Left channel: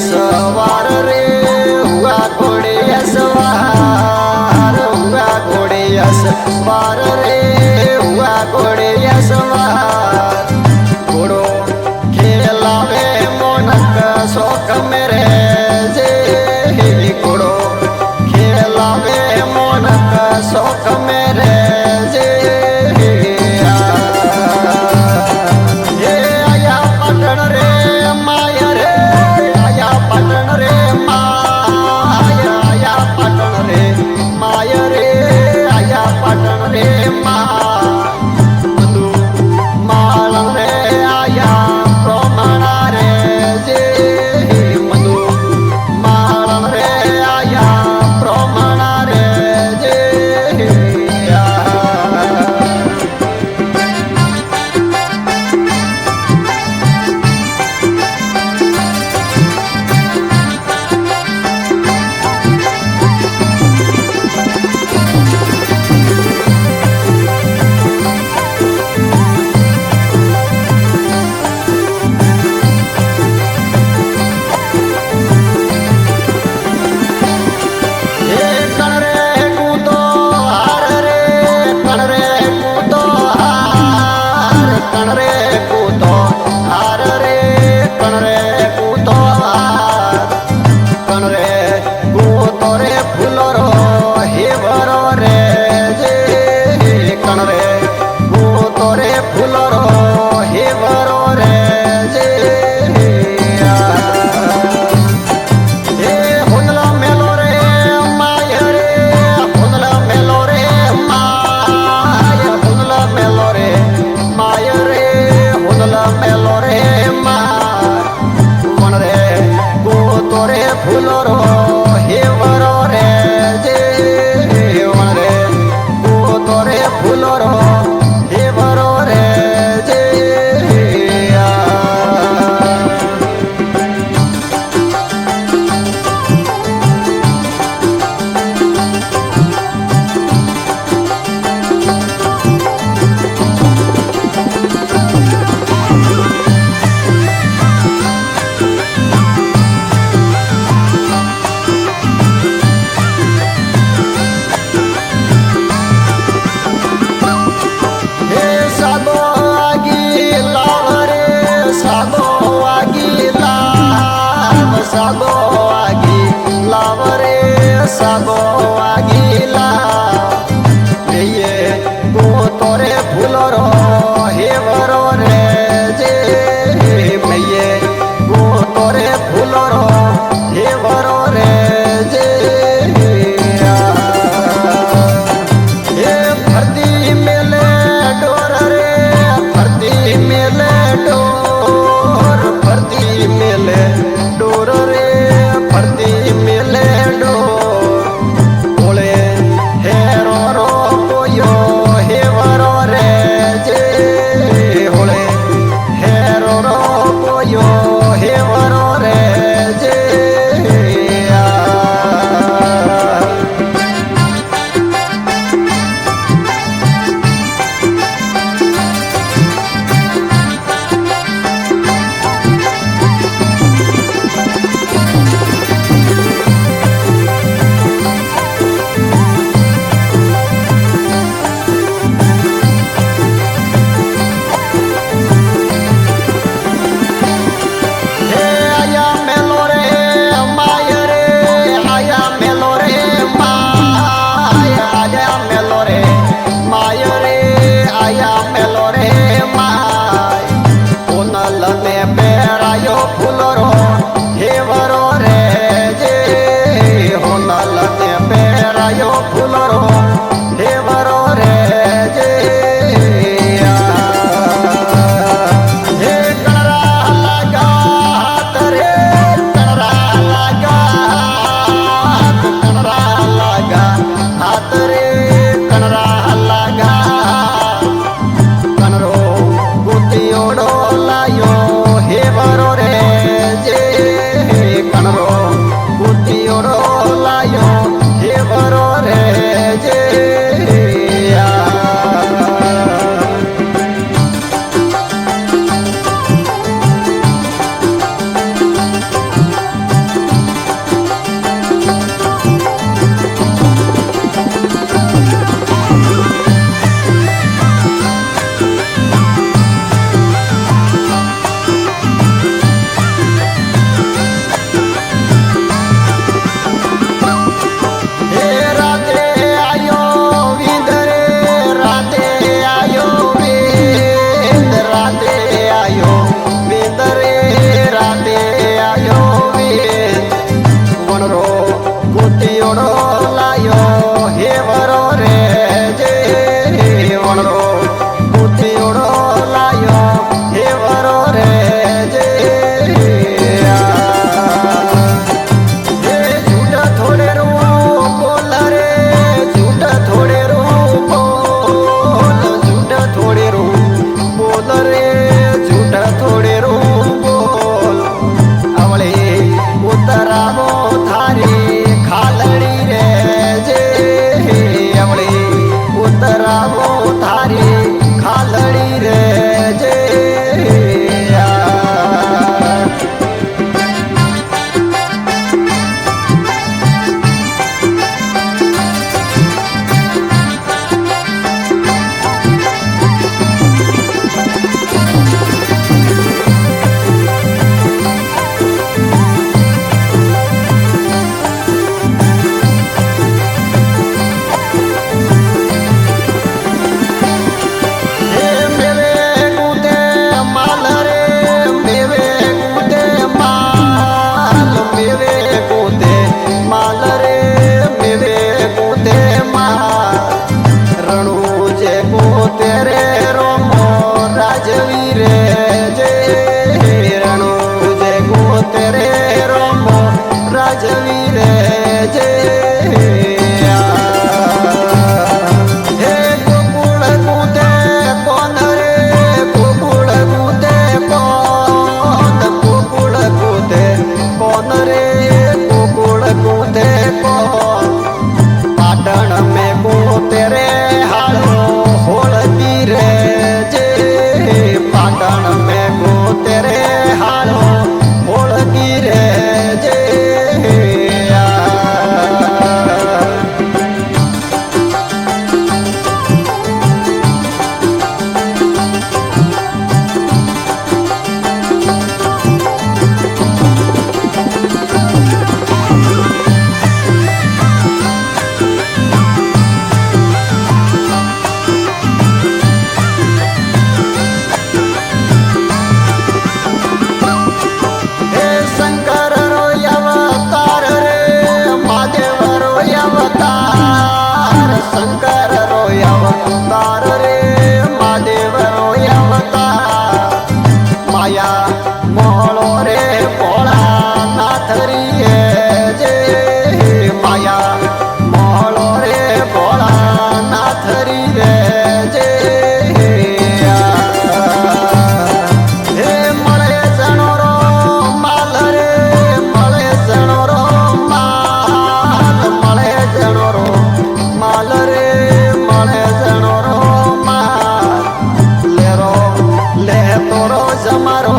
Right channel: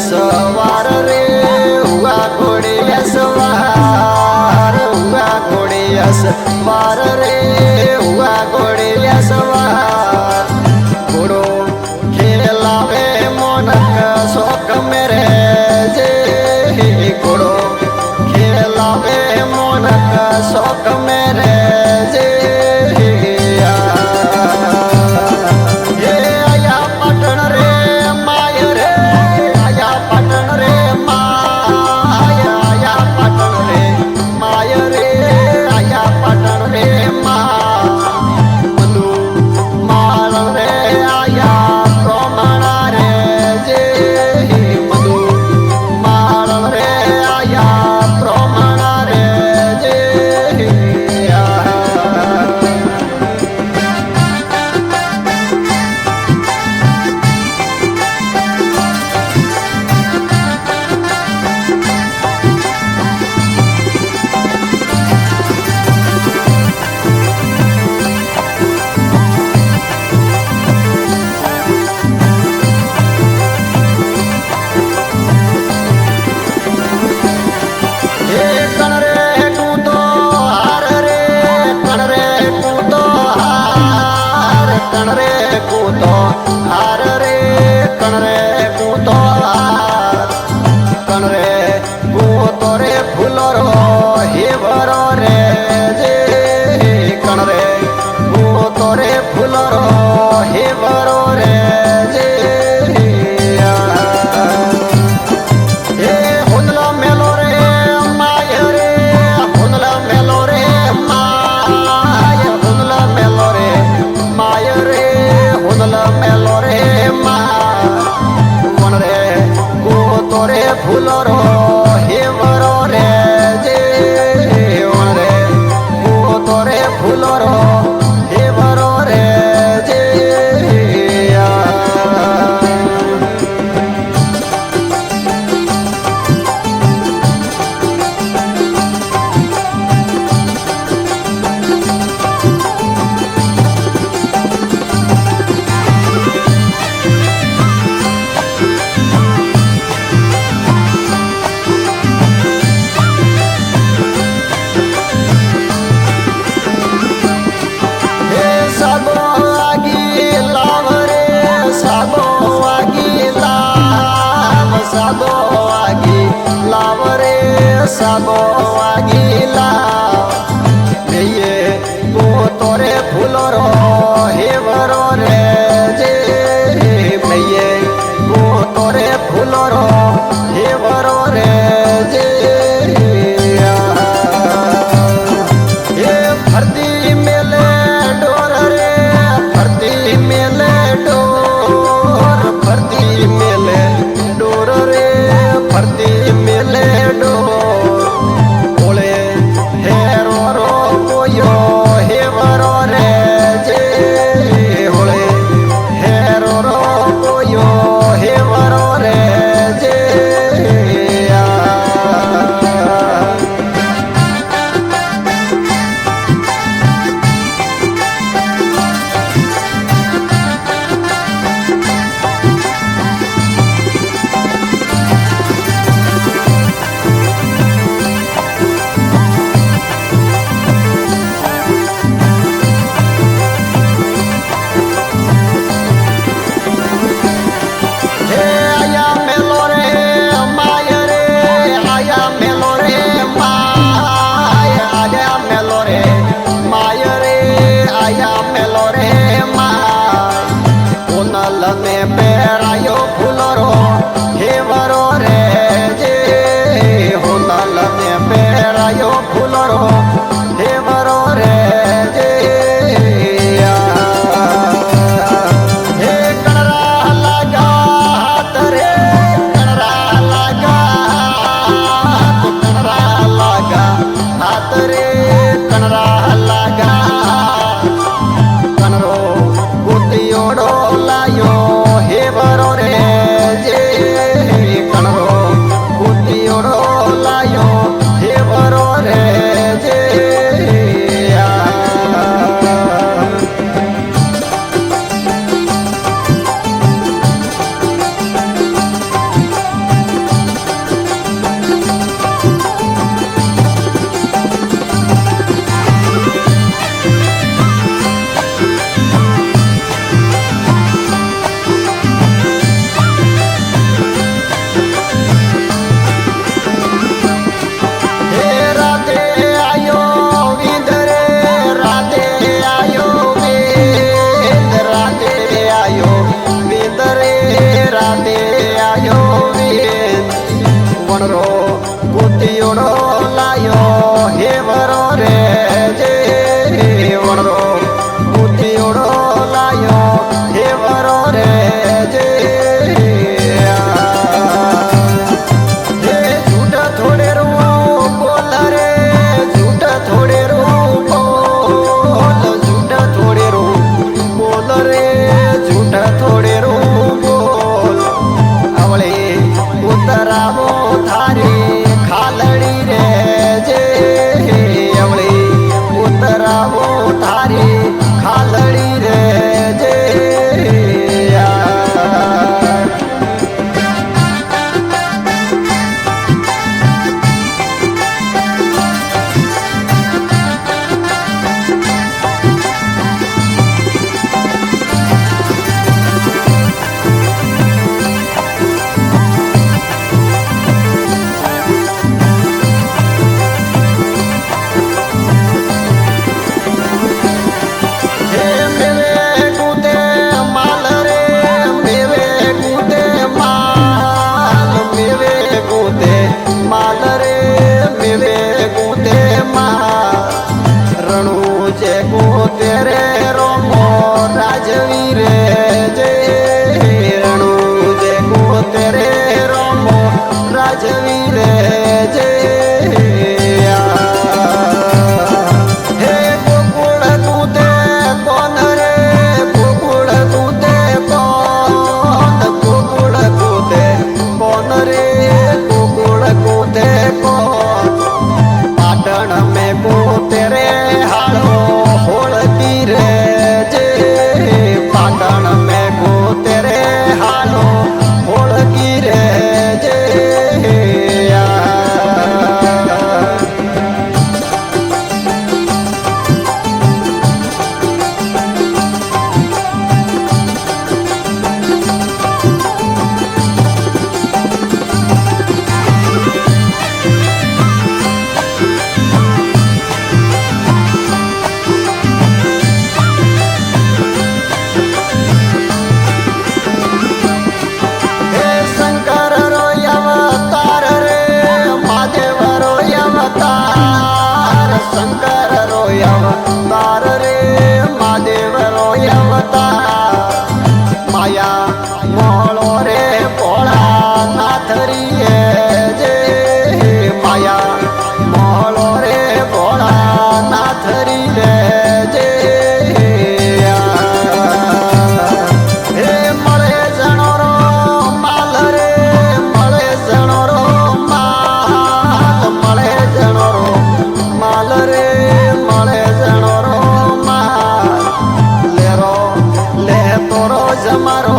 सवार रे हुआ घोड़िया सवार, हुआ घोड़िया सवार रे हुआ घोड़िया सवार। घोड़ो खेलावे मोनक शौक मेरे जे, घोड़ो खेलावे मोनक शौक मेरे जे। आया पटन रे माय रे, आया पटन रे माय, आया पटन रे माय रे, आया पटन रे माय। मधु माल रे आया प्रमाणा रे जे, मधु माल रे आया प्रमाणा रे जे। कण रे कूतो हार रे, कण रे कूतो हार। कण रे कूतो रे फूलो रो हेवरो रे जे, कण रे कूतो रे फूलो रो हेवरो रे जे। हे हुनला मेलो रे माय रे, हुनला मेलो रे माय, हुनला मेलो रे माय रे, हुनला मेलो रे माय। वन रे कूतो रे फूलो रो हेवरो रे जे, वन रे कूतो रे फूलो रो हेवरो रे जे। साबो आगी लाव रे, साबो आगी लाव, साबो आगी लाव रे, साबो आगी लाव। ये कूतो रे फूलो रो हेवरो रे जे, ये कूतो रे फूलो रो हेवरो रे जे। हे फर्दी मेले डोर रे, फर्दी मेले डोर, फर्दी मेले डोर रे, फर्दी मेले डोर। ओले हेरो रो कोयो हेवरो रे जे, होले हेरो रो कोयो हेवरो रे जे। आया मेलो रे माय रे, आया मेलो रे माय, आया मेलो रे माय रे, आया मेलो रे माय। उनल ने पेरायो फूलो रो हेवरो रे जे, हुनल ने पेरायो फूलो रो हेवरो रे जे। हे कणरा लगा हाथ रे, कणरा लगा हाथ, कणरा लगा हाथ रे, कणरा लगा। कणरो गुतियोड़ो लायो हेवरो रे जे, कणरो गुतियोड़ो लायो हेवरो रे जे। વણરો ગોતિયોડો લાયો હે વરો રે જે વણરો ગોતિયોડો લાયો હે વરો રે જે હે झूठा થોડે રૂ બોલ રે झूठा થોડે રૂ બોલ झूठा થોડે રૂ બોલ રે झूठा થોડે રૂ બોલ આવળે ઉતરાવો થારી ખાલડી રે જે આવળે ઉતરાવો થારી ખાલડી રે જે माल रे मेवे गूते माल रणु जे गूते रे रोमो राजवीर जे रणु जे गूते रे रोमो राजवीर जे हे गोकुल गूते कौन रे गोकुल गूते कौन गोकुल गूते कौन रे कूते कौन पाटण में कूते रे हालो होलती रे जे पाटण में कूते रे हालो होलती रे जे शंकर रो अवतार रे महादेव रो अवतार माया मोहलो रे भोला नाथ री जे माया मोहलो रे भोला नाथ री रे जे हे मळे जणो रो माल रे मळे जणो रो माल मळे जणो रो माल रे मळे जणो रो माल लेरो ले तोरो जमारो